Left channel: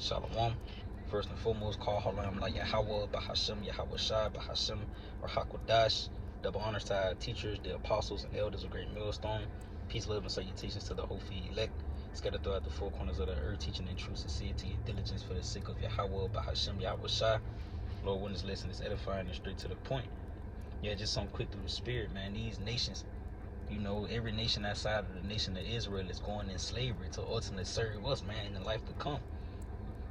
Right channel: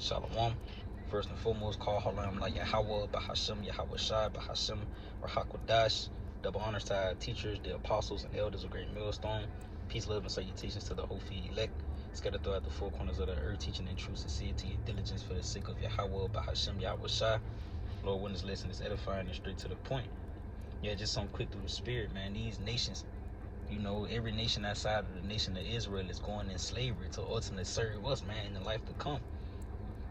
Shalom. First and foremost, call Halam La Yahweh, Bahashem, Yahweh Shai, Bahashem, Rahakodash. Double honors to our teachers, the apostles, and elders of Great Millstone. Peace, love, and salutations to the whole feed elect, scattered throughout the four corners of the earth, teaching in true sincerity and diligence for the sake of Yahweh, Bahashem, Yahweh Shai. Lord, when this lesson is edifying and straight to the point. Yeah, just some quick through the spirit, man. These nations, every nation outside of the nation of Israel is going in slavery to ultimately serve us, man, in the life to come.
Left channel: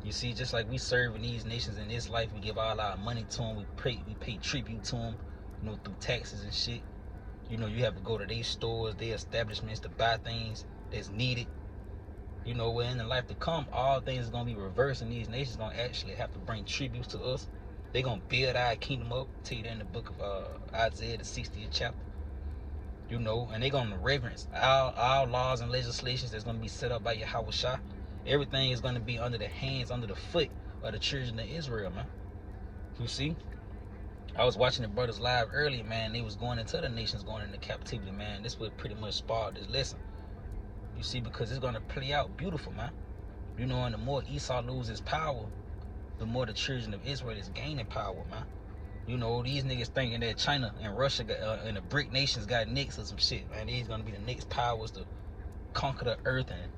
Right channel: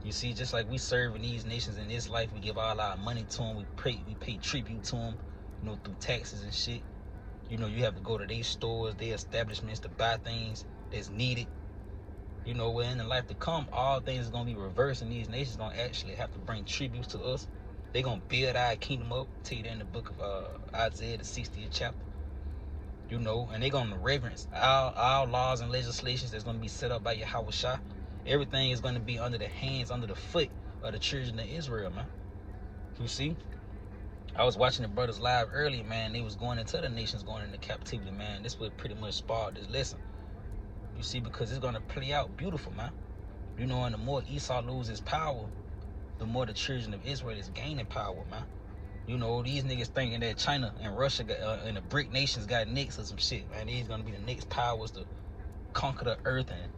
You see, just like we serve in these nations in this life, we give all our money to them, we pay tribute to them, through taxes and shit. You have to go to their stores, their establishments to buy things that's needed. Well, in the life to come, all things are going to be reversed, and these nations are going to actually have to bring tributes to us. They're going to build our kingdom up. I'll tell you that in the book of Isaiah, the 60th chapter. And they're going to reverence our laws and legislations that's going to be set up by Yahweh Shai. Everything is going to be under the hands, under the foot of the children of Israel, man. You see? I was watching the brothers live earlier, man. They was going into the nations, going into captivity, man. This would pretty much spark this lesson. You see, because it's going to play out beautiful, man. And the more Esau loses power, the more the children of Israel is gaining power, man. These niggas thinking that China and Russia and the BRIC nations got next or some shit, man. These going to be the next powers to conquer the earth, and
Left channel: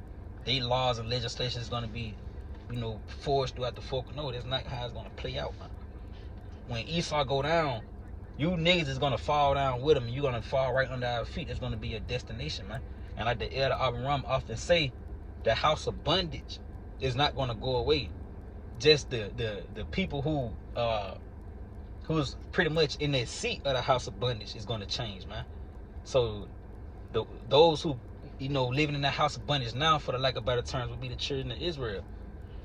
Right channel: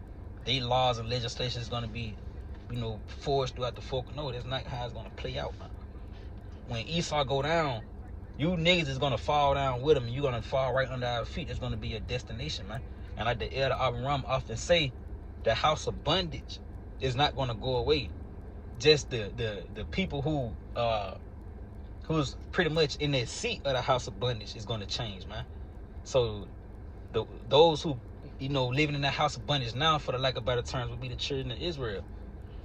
their laws and legislation is going to be, forced throughout the folk. No, that's not how it's going to play out, man. When Esau go down, you niggas is going to fall down with him, and you're going to fall right under our feet. It's going to be a destination, man. And like the elder Abraham often say, the house of bondage is not going to go away. Just the people who's pretty much in that seat of the house of bondage is going to change, man. So those who living in that house of bondage now, for the lack of better terms, would be the children of Israel.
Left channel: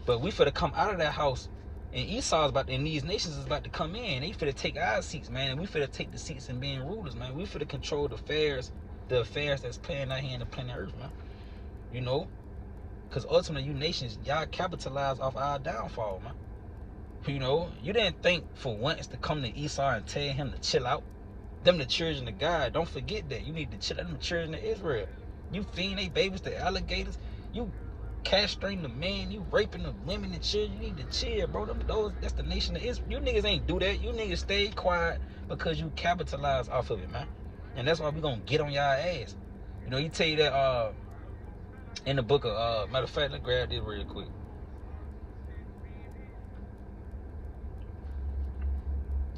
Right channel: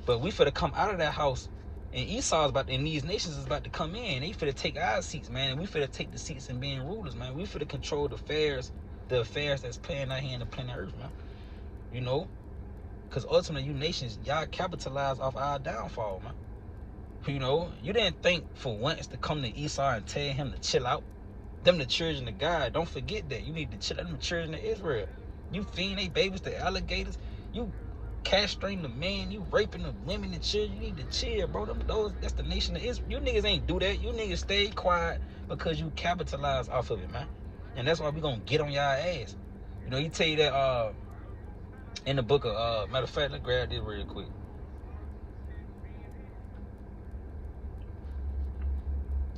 But we finna come out of that house, and and these nations is about to come in. They finna take our seats, man, and we finna take the seats in being rulers, man. We finna control the affairs that's playing out here in the planet Earth, man. Because ultimately, you nations, y'all capitalize off our downfall, man. You didn't think for once to come to Esau and tell him to chill out. Them the children of God. Don't forget that. You need to chill out. Them children of Israel. You feeding they babies to alligators. You castrating the men. You raping the women and children. You need to chill, bro. That's the nation of Israel. You niggas ain't do that. You niggas stay quiet because you capitalize off of it, man. And that's why we gonna get on y'all ass. He tell you that in the book of matter of fact, let's grab this real quick.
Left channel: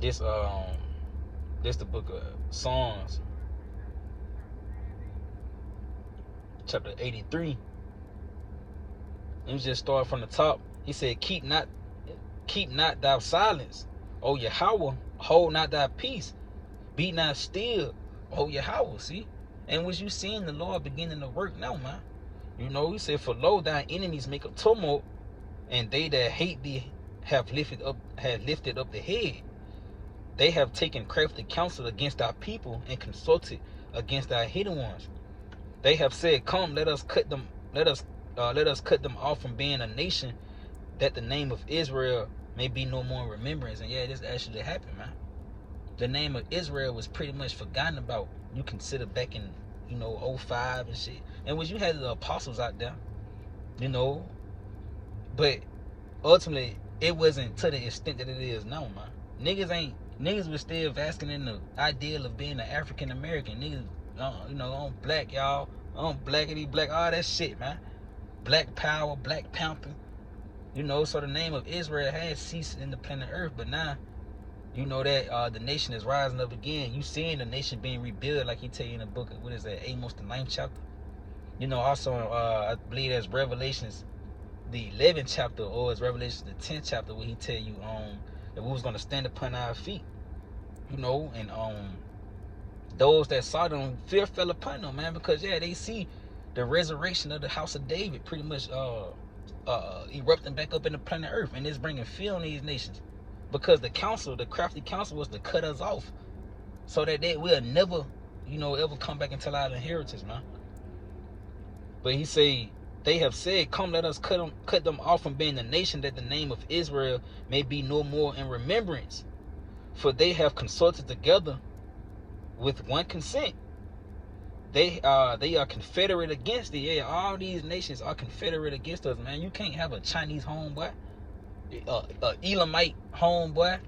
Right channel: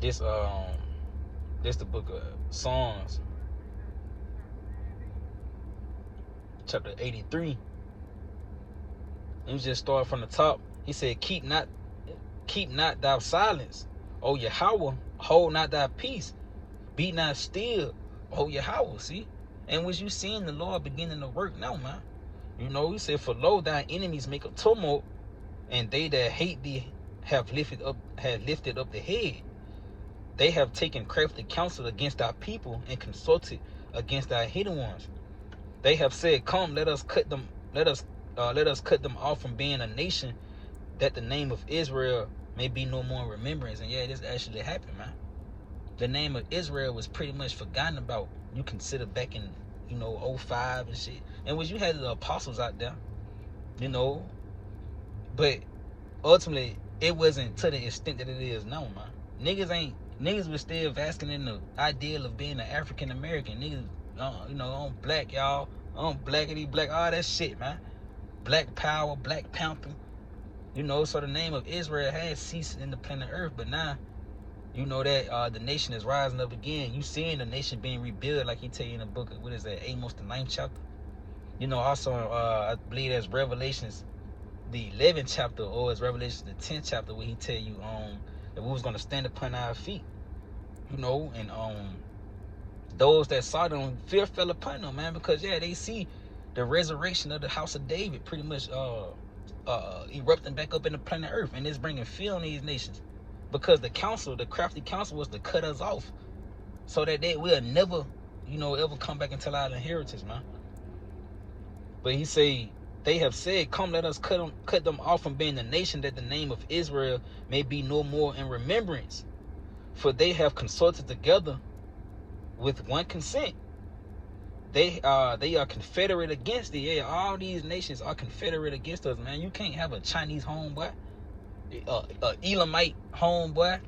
This the book of Psalms, chapter 83. Let me just start from the top. He said, keep not thy silence, O Yahweh, hold not thy peace, be not still, O Yahweh. See? And was you seeing the Lord beginning to work now, man? He said, for lo, thy enemies make a tumult, and they that hate thee have lifted up the head. They have taken crafty counsel against our people and consulted against our hidden ones. They have said, come, let us cut them off from being a nation, that the name of Israel may be no more in remembrance. And yeah, this actually happened, man. The name of Israel was pretty much forgotten about. You consider back in 05 and shit. And when you had the apostles out there, but ultimately it wasn't to the extent that it is now, man. Niggas was still basking in the ideal of being an African American. Niggas, I'm black, y'all. I'm blackity black, all that shit, man. Black Power, Black Panther. So the name of Israel has ceased in the planet Earth, but now, that the nation is rising up again. You seeing the nation being rebuilt, like he tell you in the book of, what is that, Amos the 9th chapter. Also, I believe that's Revelations the 11th chapter, or it's Revelations the 10th chapter, where he tell you that we was going to stand upon our feet, and those that saw them, fear fell upon them, man, because yeah, they see the resurrection of the house of David pretty much erupting back up in the planet Earth, and it's bringing fear on these nations, because the crafty counsel was to cut us off, so that they will never, ever come back and tell our inheritance, man. But he say, they have said, come, let us cut them off from being a nation, that the name of Israel may be no more in remembrance. For they have consulted together with one consent. they are confederate against it. Yeah, all these nations are confederate against us, man. You can't have a Chinese homeboy, a Elamite homeboy,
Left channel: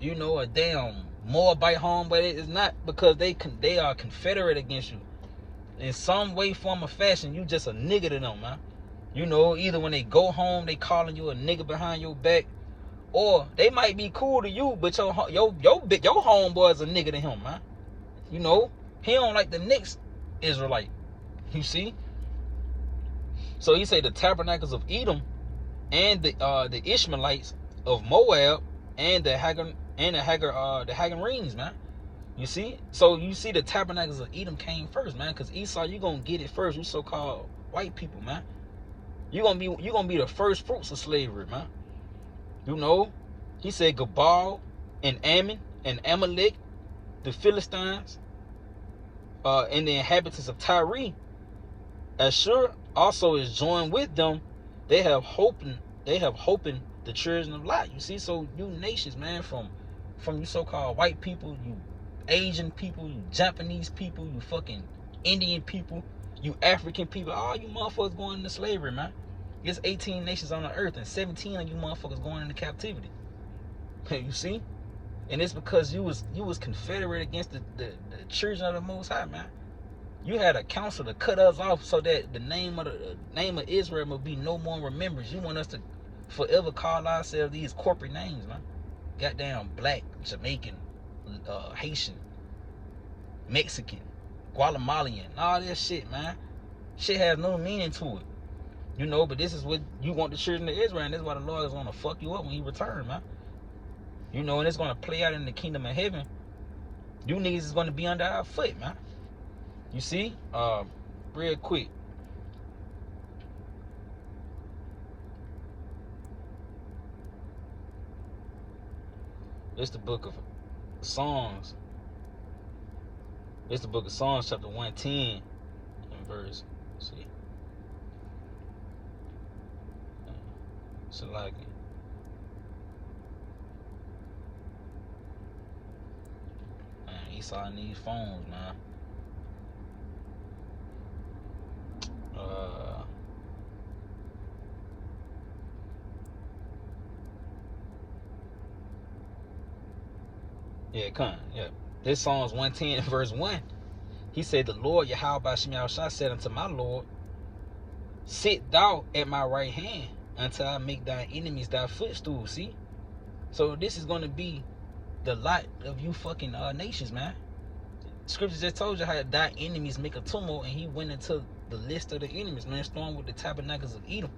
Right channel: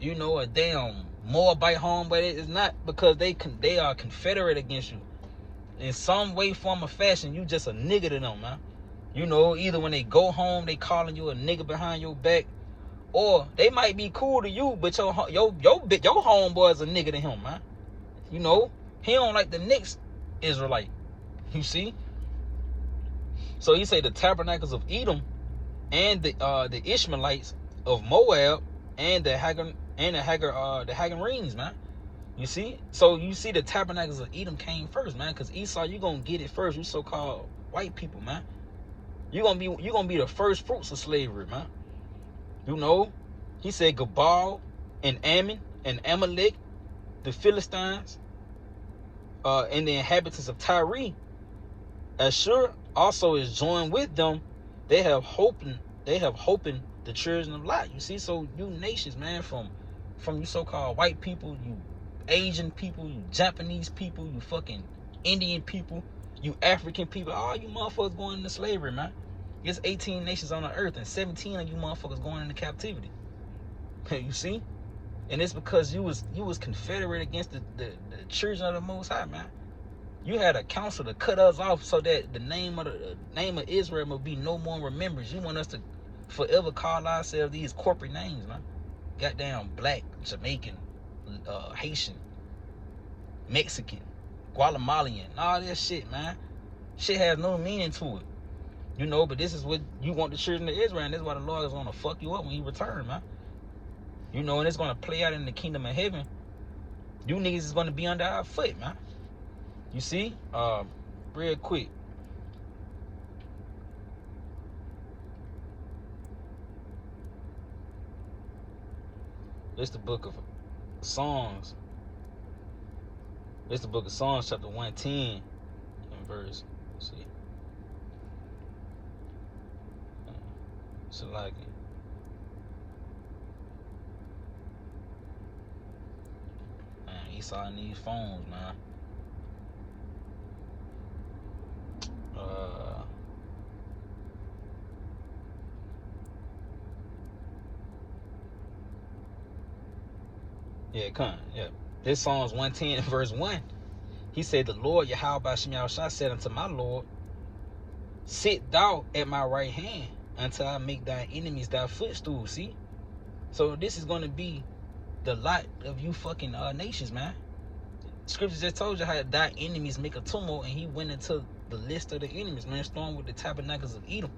you know, a damn Moabite homeboy. It's not because they are confederate against you in some way, form, or fashion. You just a nigga to them, man. You know, either when they go home, they calling you a nigga behind your back, or they might be cool to you, but your homeboy is a nigga to him, man. You know, he don't like the next Israelite. You see? So he say the tabernacles of Edom and the Ishmaelites of Moab and the Hagarenes, man. You see? So you see the tabernacles of Edom came first, man, because Esau, you gonna get it first, you so-called white people, man. You gonna be the first fruits of slavery, man. You know, he said Gabal and Ammon and Amalek, the Philistines, and the inhabitants of Tyre. Ashur also is joined with them. They have hoping the children of Lot. You see, so you nations, man, from you so-called white people, you Asian people, you Japanese people, you fucking Indian people, you African people, all you motherfuckers going into slavery, man. It's 18 nations on the earth, and 17 of you motherfuckers going into captivity. You see? And it's because you was confederate against the children of the Most High, man. You had a council to cut us off so that the name of Israel will be no more remembered. You want us to forever call ourselves these corporate names, man. Goddamn black, Jamaican, Haitian, Mexican, Guatemalan, all this shit, man. Shit has no meaning to it. You know, but this is what you want the children of Israel, and this is why the Lord is going to fuck you up when you return, man. You know, and it's going to play out in the kingdom of heaven. You niggas is going to be under our foot, man. You see? Real quick. It's the book of Songs. It's the book of Songs, chapter 110, and verse, see. Salaki. Man, Esau in these phones, man. Yeah, come. Yeah. This Psalms 110 verse 1. He said, the Lord Yahweh Bashim Yahushua said unto my Lord, sit thou at my right hand until I make thy enemies thy footstool. See? So this is going to be the lot of you fucking nations, man. Scripture just told you how thy enemies make a tumult, and he went into the list of the enemies, man, starting with the tabernacles of Edom.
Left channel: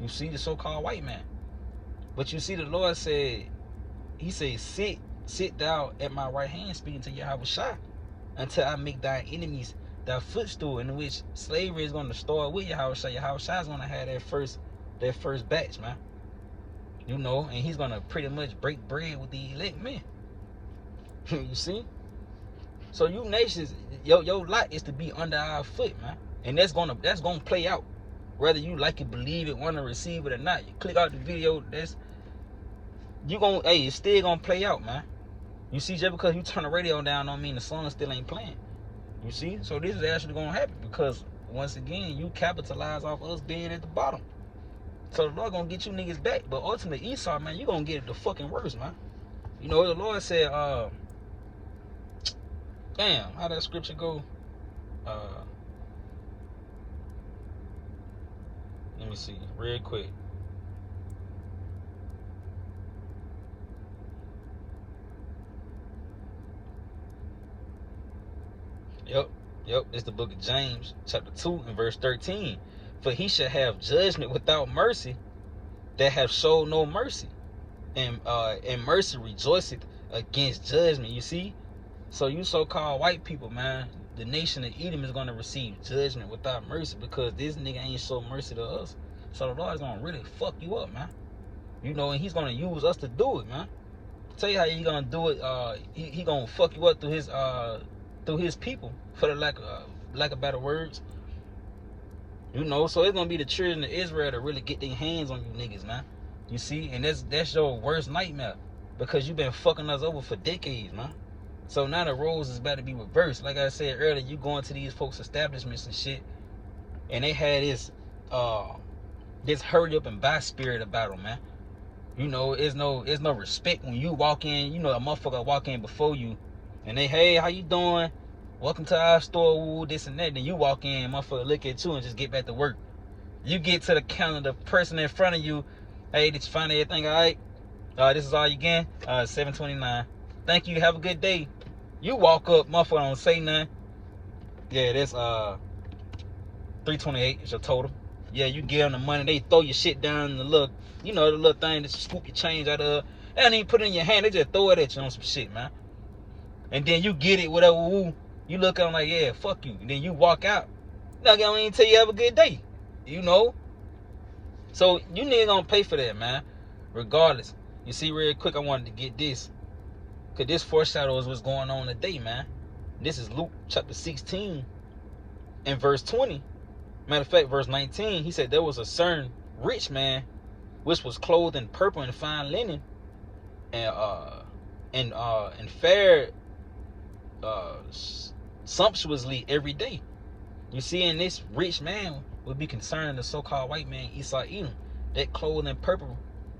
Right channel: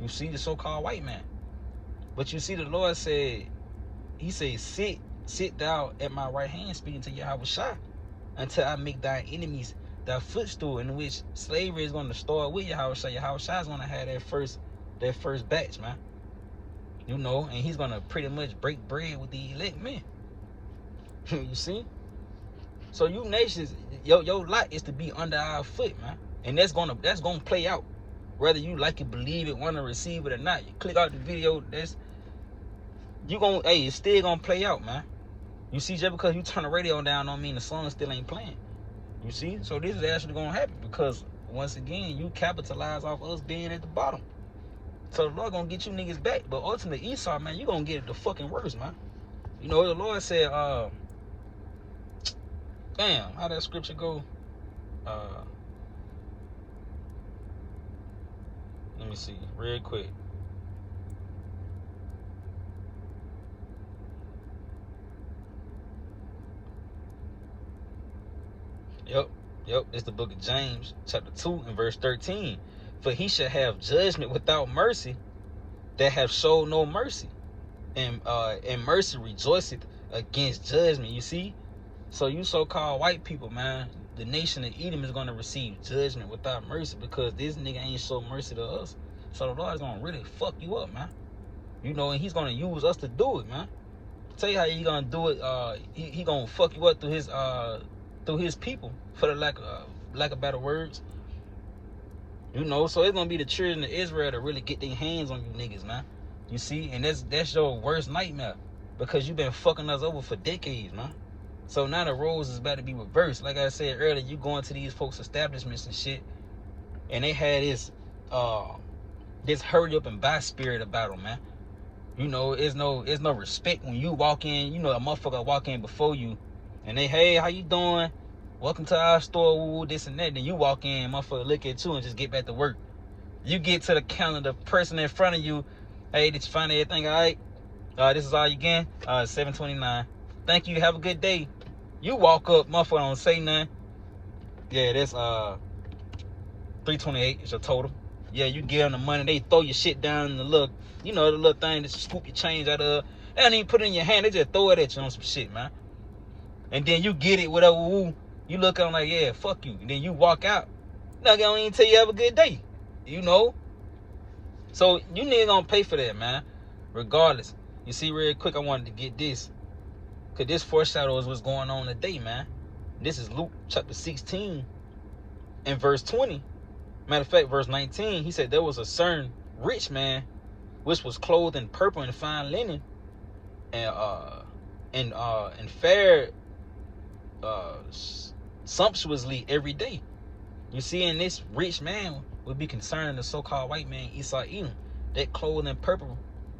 You see, the so-called white man. But you see, the Lord said, he said, sit thou at my right hand, speaking to Yahushua, until I make thy enemies thy footstool, in which slavery is going to start with Yahushua. Yahushua is going to have that first batch, man. You know, and he's going to pretty much break bread with the elect men. You see? So you nations, your lot is to be under our foot, man. And that's gonna play out. Whether you like it, believe it, want to receive it or not. You click out the video, it's still gonna play out, man. You see, just because you turn the radio down don't mean the song still ain't playing. You see? So this is actually gonna happen because once again, you capitalize off us being at the bottom. So the Lord gonna get you niggas back. But ultimately, Esau, man, you gonna get it the fucking worst, man. You know, the Lord said, damn, how that scripture go? Let me see, real quick. Yep, it's the book of James, chapter 2, and verse 13. For he shall have judgment without mercy that have showed no mercy. And mercy rejoiceth against judgment, you see? So you so-called white people, man, the nation of Edom is going to receive judgment without mercy because this nigga ain't show mercy to us. So the Lord is going to really fuck you up, man. You know, and he's going to use us to do it, man. I'll tell you how he's going to do it. He going to fuck you up through his people, for the lack of better words. You know, so it's going to be the children of Israel to really get their hands on you niggas, man. You see? And that's your worst nightmare because you've been fucking us over for decades, man. So now the roles is about to be reversed. Like I said earlier, you go into these folks' establishments and shit, and they had this hurry up and buy spirit about them, man. You know, it's no respect when you walk in. You know, a motherfucker walk in before you, and they, hey, how you doing? Welcome to our store, ooh, this and that. Then you walk in, motherfucker look at you and just get back to work. You get to the counter, the person in front of you, hey, did you find everything all right? This is all you getting? $7.29. Thank you, have a good day. You walk up, motherfucker don't say nothing. Yeah, this $3.28 is your total. Yeah, you give them the money, they throw your shit down in the little, you know, the little thing that you scoop your change out of. They don't even put it in your hand, they just throw it at you on some shit, man. And then you get it, whatever, woo. You look at them like, yeah, fuck you. And then you walk out. Now, they don't even tell you have a good day. You know? So, you niggas gonna pay for that, man. Regardless. You see, real quick, I wanted to get this. Because this foreshadows what's going on today, man. This is Luke chapter 16 and verse 20. Matter of fact, verse 19, he said there was a certain rich man which was clothed in purple and fine linen and fared sumptuously every day. You see, in this rich man would be concerned the so-called white man Esau Edom. That clothed in purple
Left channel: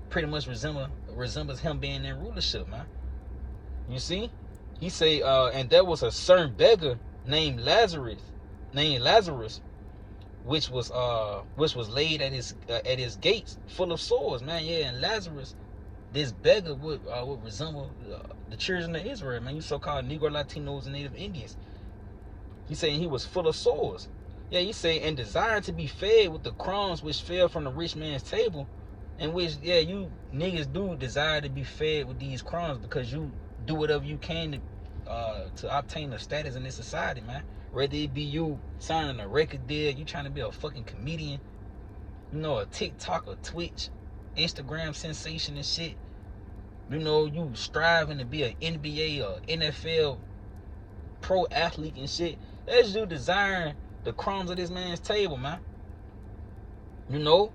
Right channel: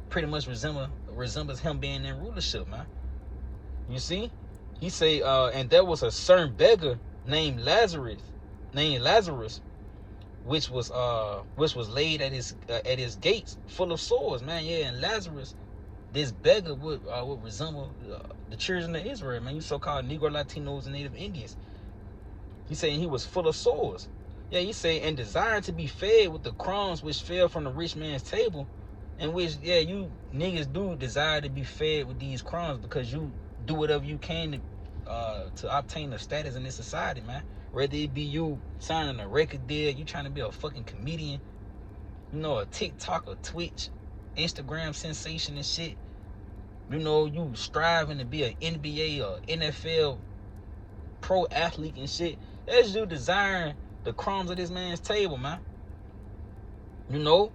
pretty much resembles him being in rulership, man. You see, he say, and there was a certain beggar named Lazarus, which was laid at his gates, full of sores, man. Yeah, and Lazarus, this beggar would resemble the children of Israel, man. You so-called Negro, Latinos, and Native Indians. He saying he was full of sores. Yeah, he say, and desired to be fed with the crumbs which fell from the rich man's table, in which, yeah, you niggas do desire to be fed with these crumbs because you do whatever you can to obtain a status in this society, man. Whether it be you signing a record deal, you trying to be a fucking comedian, you know, a TikTok, a Twitch, Instagram sensation and shit. You know, you striving to be an NBA or NFL pro athlete and shit. That's you desiring the crumbs of this man's table, man. You know?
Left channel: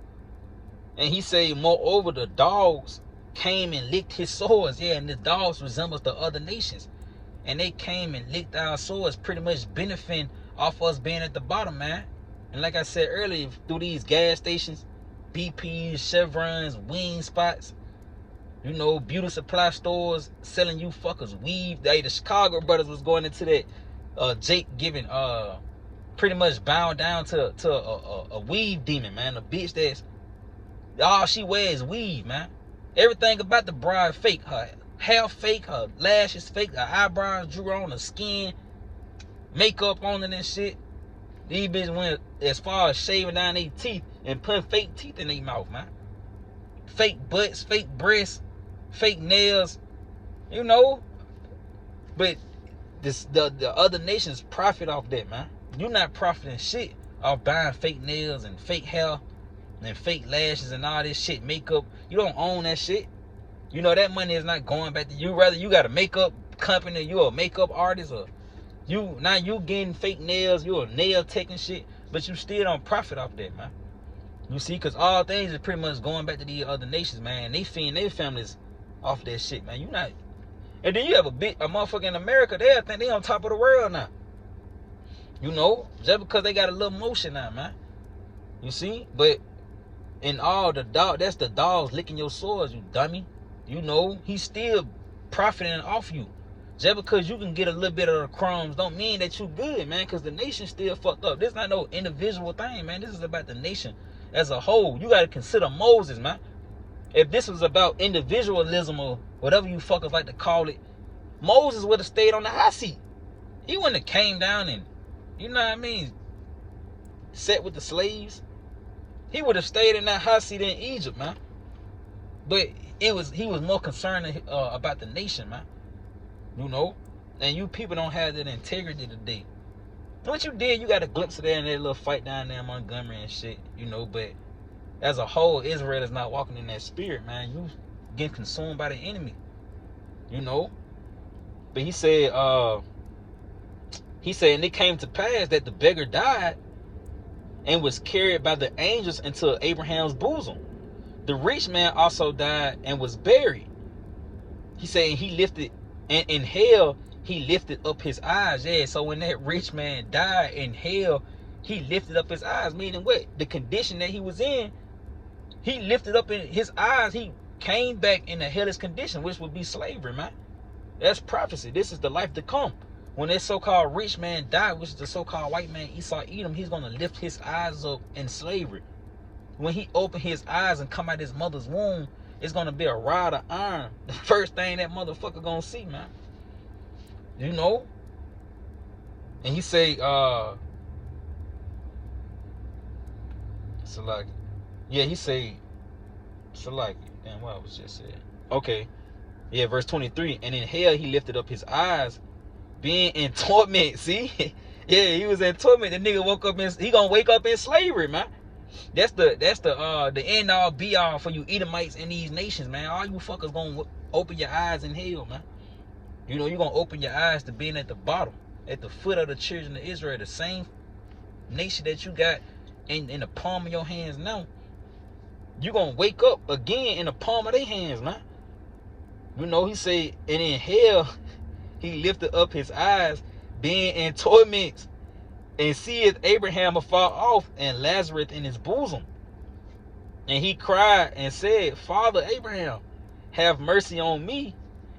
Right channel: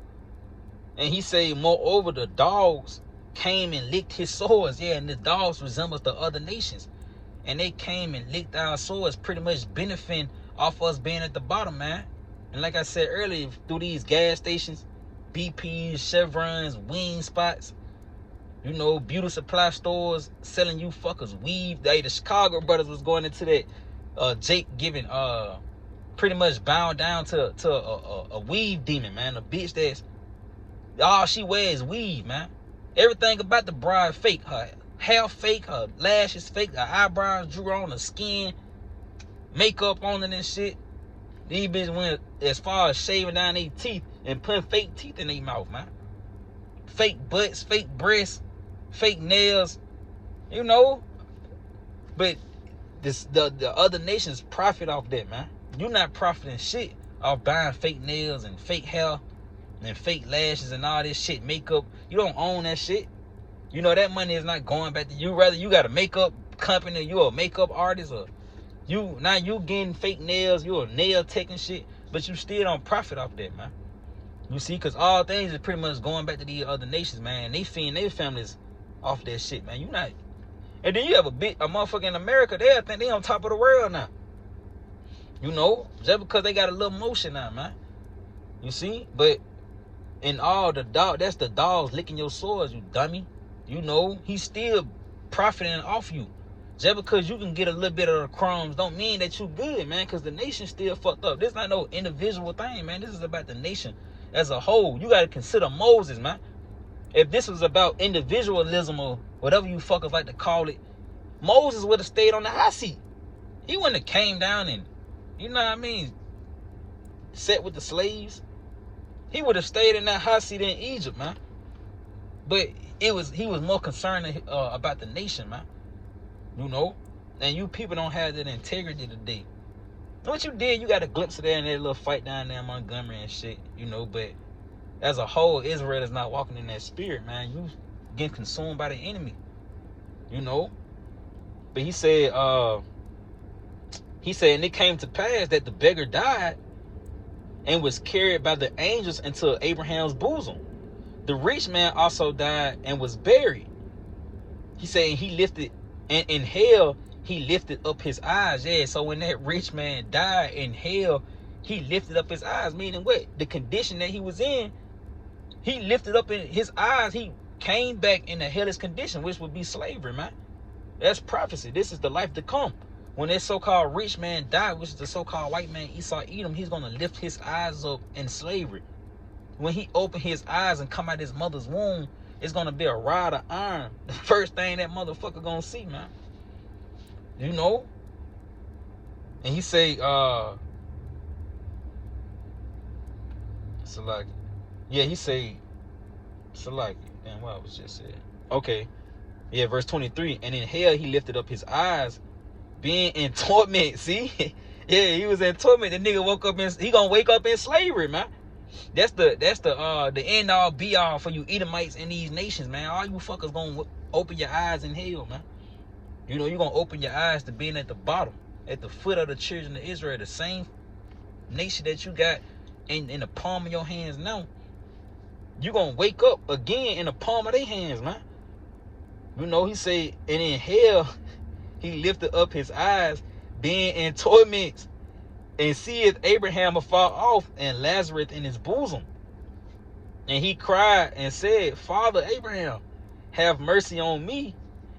And he say, moreover, the dogs came and licked his sores. Yeah, and the dogs resembles the other nations. And they came and licked our swords, pretty much benefiting off us being at the bottom, man. And like I said earlier, through these gas stations, BPs, Chevrons, Wing Spots, you know, beauty supply stores selling you fuckers weave. The Chicago brothers was going into that Jake giving pretty much bound down to a weave demon, man. A bitch that's all she wears is weave, man. Everything about the bride fake. Her hair fake, her lashes fake, her eyebrows drew on, her skin, makeup on it and shit. These bitches went as far as shaving down their teeth and putting fake teeth in their mouth, man. Fake butts, fake breasts, fake nails, you know. But the other nations profit off that, man. You're not profiting shit off buying fake nails and fake hair and fake lashes and all this shit, makeup. You don't own that shit. You know that money is not going back to you. Rather, you got a makeup company, you a makeup artist, or you getting fake nails, you a nail tech and shit, but you still don't profit off that, man. You see, because all things is pretty much going back to these other nations, man. And they feeding their families off that shit, man. You not. And then you have a motherfucker in America, they think they on top of the world now. You know, just because they got a little motion now, man. You see, but in all that's the dogs licking your sores, you dummy. You know, he's still profiting off you. Just because you can get a little bit of the crumbs don't mean that you good, man, because the nation still fucked up. This not no individual thing, man. This is about the nation as a whole. You got to consider Moses, man. If this was about individualism or whatever you fuckers like to call it, Moses would have stayed on the hot seat. He wouldn't have came down and, you know what I mean, sat with the slaves. He would have stayed in that hot seat in Egypt, man. But he was more concerned about the nation, man. You know? And you people don't have that integrity today. What you did, you got a glimpse of that in that little fight down there in Montgomery and shit, you know, but as a whole, Israel is not walking in that spirit, man. You getting consumed by the enemy, you know? But he said, and it came to pass that the beggar died and was carried by the angels into Abraham's bosom. The rich man also died and was buried. He said he lifted, and in hell he lifted up his eyes. Yeah, so when that rich man died in hell, he lifted up his eyes, meaning what? The condition that he was in, he lifted up in his eyes. He came back in a hellish condition, which would be slavery, man. That's prophecy. This is the life to come. When that so-called rich man died, which is the so-called white man Esau Edom, he's going to lift his eyes up in slavery. When he opened his eyes and come out his mother's womb, it's going to be a rod of iron. The first thing that motherfucker going to see, man. You know? And he say, Salaki. Yeah, he say, Salaki. Damn, what I was just saying. Okay. Yeah, verse 23. And in hell he lifted up his eyes, being in torment. See? Yeah, he was in torment. The nigga woke up he gonna wake up in slavery, man. That's the end all be all for you Edomites in these nations, man. All you fuckers gonna open your eyes in hell, man. You know, you're gonna open your eyes to being at the bottom, at the foot of the children of Israel, the same nation that you got in the palm of your hands now. You're gonna wake up again in the palm of their hands, man. You know, he said, and in hell he lifted up his eyes, being in torments, and seeth Abraham afar off, and Lazarus in his bosom. And he cried and said, Father Abraham, have mercy on me,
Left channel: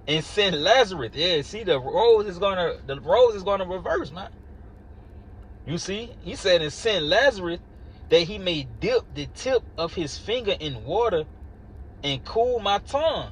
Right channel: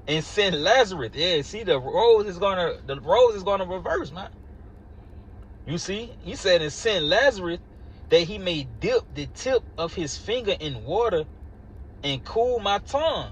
and send Lazarus. Yeah, see, the roles is gonna reverse, man. You see, he said, and send Lazarus, that he may dip the tip of his finger in water and cool my tongue,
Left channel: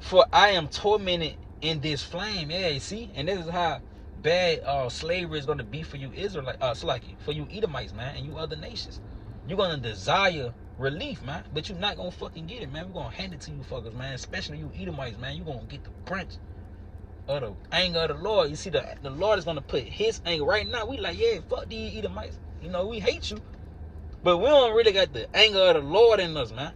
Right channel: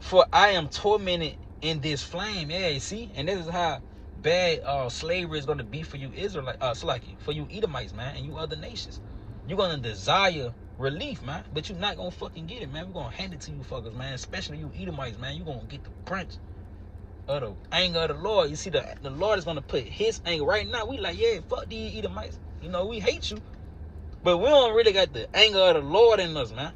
for I am tormented in this flame. Yeah, you see, and this is how bad slavery is going to be for you Israelites, for you Edomites, man, and you other nations. You're going to desire relief, man, but you're not going to fucking get it, man. We're going to hand it to you fuckers, man, especially you Edomites, man. You're going to get the branch of the anger of the Lord. You see, the Lord is going to put his anger right now. We like, yeah, fuck these Edomites. You know, we hate you, but we don't really got the anger of the Lord in us, man.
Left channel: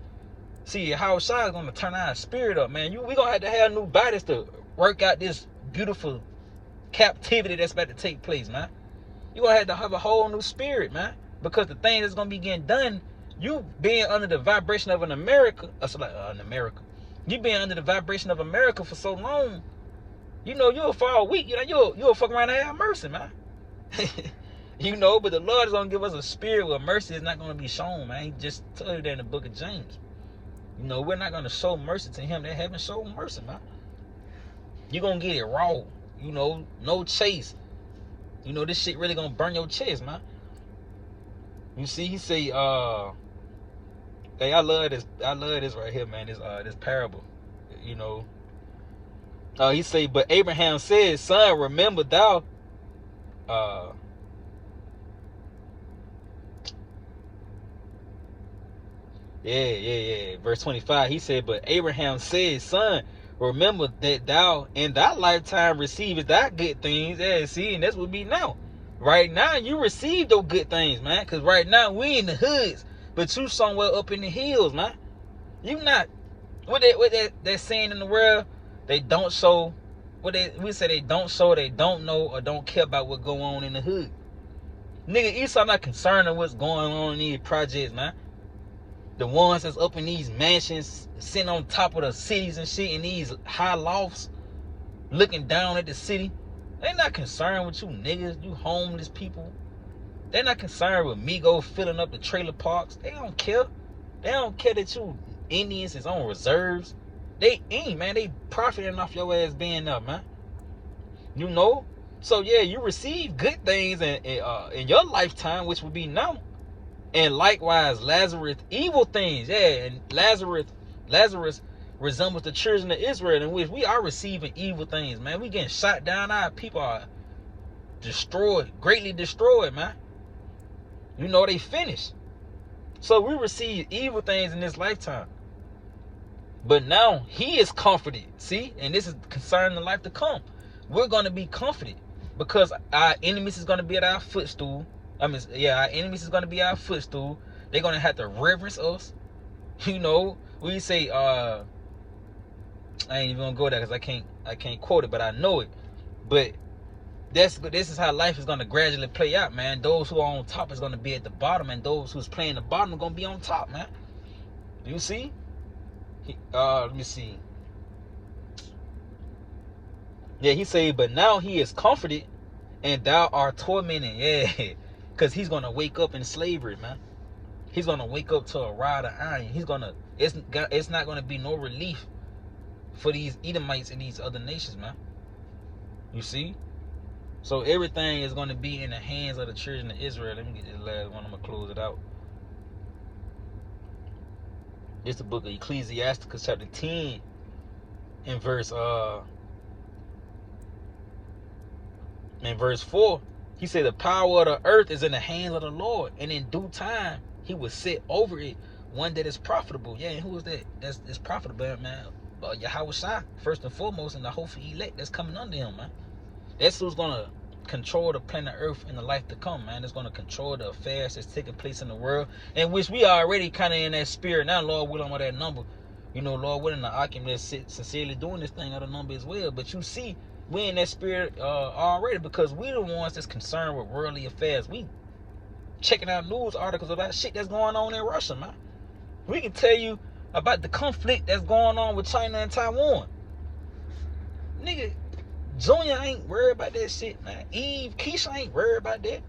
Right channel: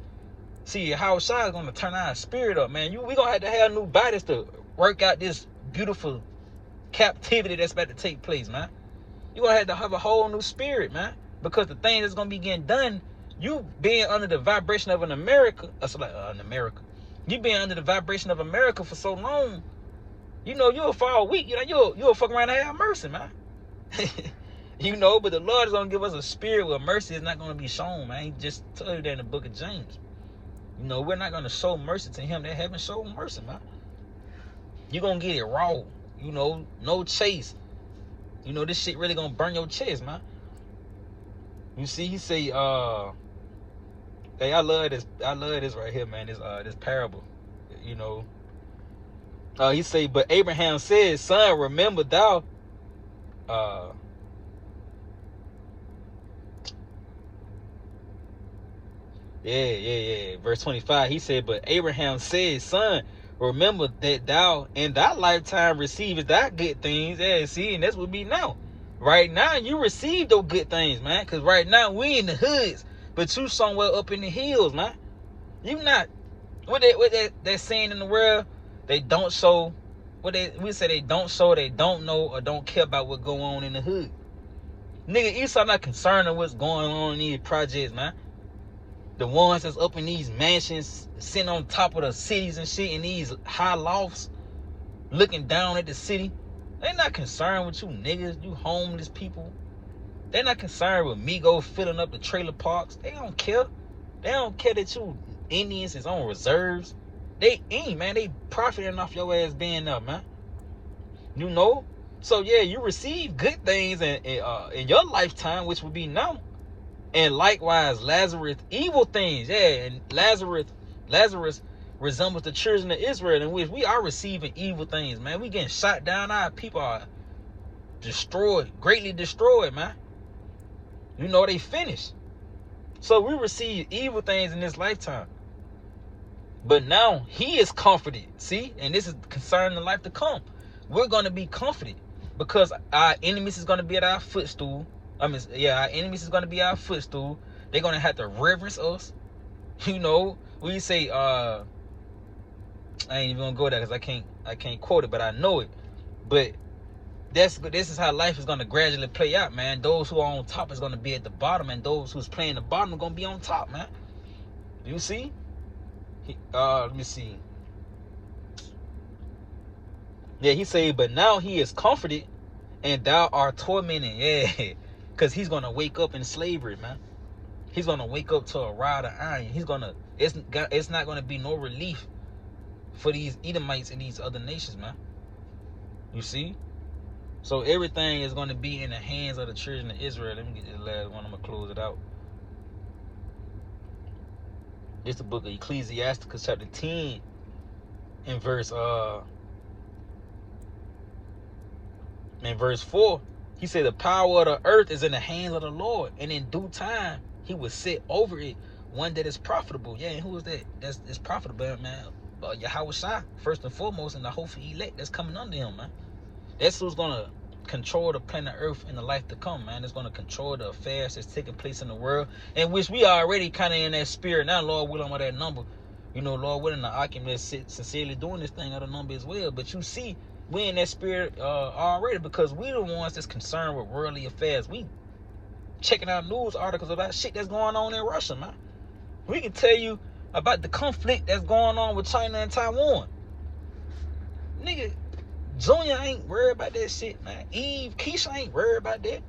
See, how Shai is going to turn our spirit up, man. We going to have new bodies to work out this beautiful captivity that's about to take place, man. You're going to have a whole new spirit, man. Because the thing that's going to be getting done, you being under the vibration of America, you being under the vibration of America for so long, you know, you'll fall weak. You know, you'll fuck around and have mercy, man. You know, but the Lord is going to give us a spirit where mercy is not going to be shown, man. He just told you that in the book of James. You know, we're not going to show mercy to him that haven't shown mercy, man. You're going to get it raw. You know, no chase. You know, this shit really going to burn your chest, man. You see, he say, hey, I love this right here, man. This parable, you know. He say, but Abraham said, son, remember thou, verse 25, he said, but Abraham said, son, remember that thou in thy lifetime receivest thy good things. Yeah, see, and that's what we know. Right now, you receive those good things, man. Because right now, we in the hoods, but you somewhere up in the hills, man. You not, what that saying in the world, they don't show, we say they don't show, they don't know, or don't care about what go on in the hood. Nigga, Esau not concerned with what's going on in these projects, man. The ones that's up in these mansions, sitting on top of the cities and shit, in these high lofts, looking down at the city. They're not concerned with you niggas, you homeless people. They're not concerned with Migos filling up the trailer parks. They don't care. They don't care that you Indians is on reserves. They ain't, man. They profiting off your ass being up, man. You know? So, yeah, you receive good things in your lifetime, which would be now. And likewise, Lazarus, evil things. Yeah, and Lazarus resembles the children of Israel, in which we are receiving evil things, man. We getting shot down. Our people are destroyed, greatly destroyed, man. You know, they finished. So we receive evil things in this lifetime. But now he is comforted. See? And this is concerning the life to come. We're going to be comforted because our enemies is going to be at our footstool. our enemies is going to be our footstool. They're going to have to reverence us. You know, we say, I ain't even gonna go there because I can't quote it, but I know it. But this is how life is gonna gradually play out, man. Those who are on top is gonna be at the bottom, and those who's playing the bottom are gonna be on top, man. You see? Let me see. Yeah, he said, but now he is comforted and thou art tormented. Yeah, because he's going to wake up in slavery, man. He's going to wake up to a rod of iron. It's not going to be no relief for these Edomites and these other nations, man. You see? So everything is going to be in the hands of the children of Israel. Let me get this last one. I'm going to close it out. This is the book of Ecclesiasticus chapter 10 in verse 4. He said the power of the earth is in the hands of the Lord, and in due time he will set over it one that is profitable. Yeah, and who is that? That's profitable, man. Yahweh Shai, first and foremost, and the hopeful elect that's coming under him, man. That's who's gonna control the planet Earth in the life to come, man. It's gonna control the affairs that's taking place in the world, in which we are already kind of in that spirit now. Lord willing, with that number, Lord willing, the Alchemists sincerely doing this thing of the number as well. But you see, we in that spirit already, because we the ones that's concerned with worldly affairs. We checking out news articles about shit that's going on in Russia, man. We can tell you about the conflict that's going on with China and Taiwan. Nigga, Junior ain't worried about that shit, man. Eve, Keisha ain't worried about that.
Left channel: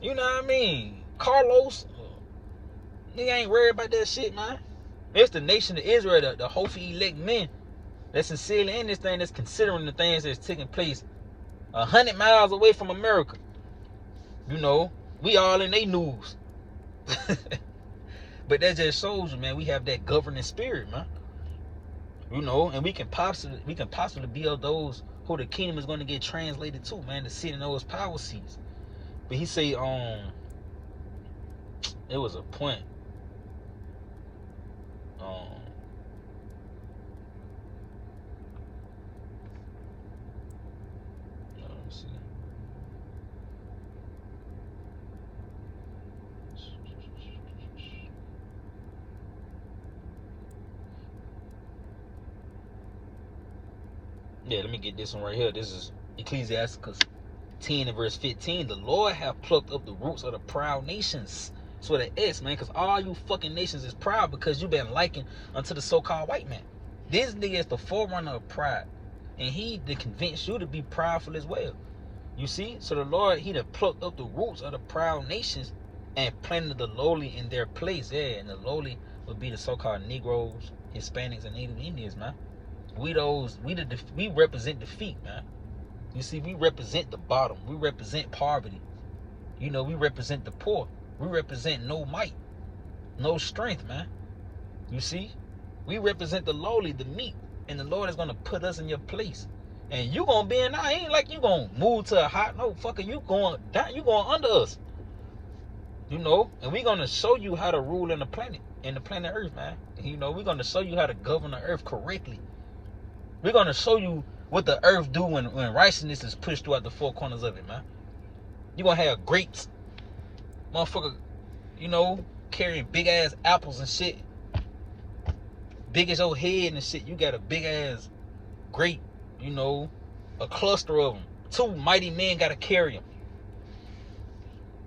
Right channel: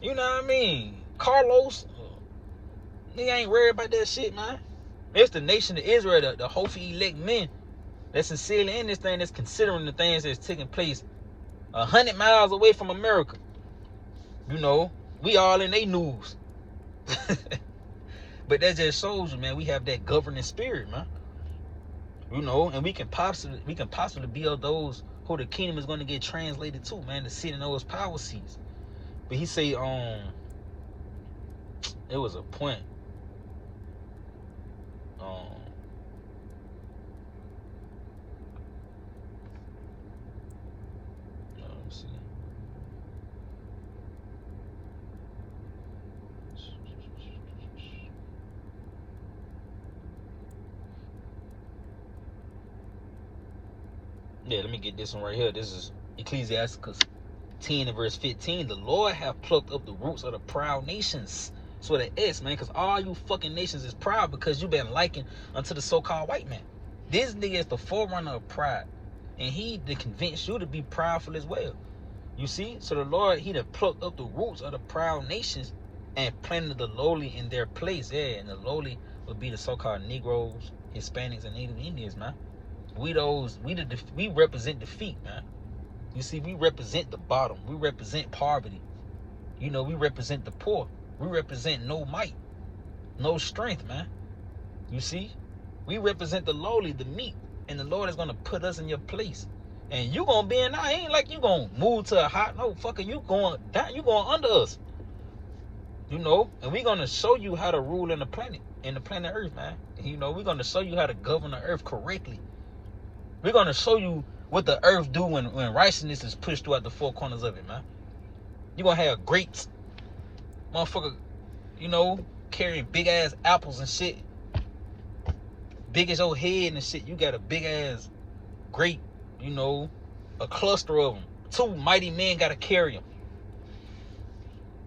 You know what I mean? Carlos, nigga ain't worried about that shit, man. It's the nation of Israel, the hopeful elect men that's sincerely in this thing, that's considering the things that's taking place 100 miles away from America. We all in they news. But that just shows you, man, we have that governing spirit, man. And we can possibly be of those who the kingdom is going to get translated to, man, to sit in those power seats. But he say, it was a point. Let me see. Yeah, let me get this one right here. This is Ecclesiasticus 10 and verse 15. The Lord hath plucked up the roots of the proud nations. That's what it is, man, because all you fucking nations is proud because you've been likened unto the so-called white man. This nigga is the forerunner of pride, and he to convince you to be proudful as well. You see? So the Lord, he done plucked up the roots of the proud nations and planted the lowly in their place. Yeah, and the lowly would be the so-called Negroes, Hispanics, and Native Indians, man. We represent defeat, man. You see, we represent the bottom. We represent poverty. We represent the poor. We represent no might, no strength, man. You see, we represent the lowly, the meek, and the Lord is gonna put us in your place. And you gonna be in our, ain't like you gonna move to a hot, no, fucker, you going down, you going under us. And we gonna show you how to rule in the planet Earth, man. We're gonna show you how to govern the earth correctly. We're gonna show you what the earth do when righteousness is pushed throughout the four corners of it, man. You're gonna have grapes, motherfucker, carrying big ass apples and shit. Big as your head and shit. You got a big ass grape, a cluster of them. 2 mighty men gotta carry them.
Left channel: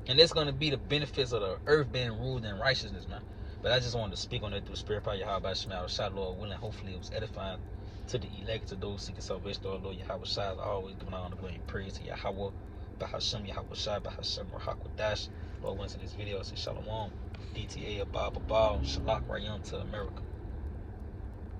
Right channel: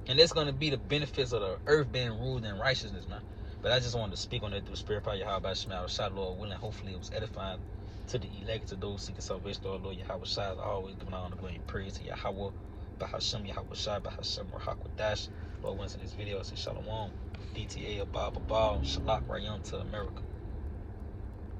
And it's gonna be the benefits of the earth being ruled in righteousness, man. But I just wanted to speak on that through spirit power, Yahweh Shemel, Shai, Lord willing. Hopefully it was edifying to the elect, to those seeking salvation, Lord Yahweh Shai. Always giving honor, glory, and praise to Yahweh, Bahashem, Yahweh Shai, Bahashem, Rahakwadash. Lord wins in this video. I say Shalom, DTA, Abba, Shalak, Rayon to America.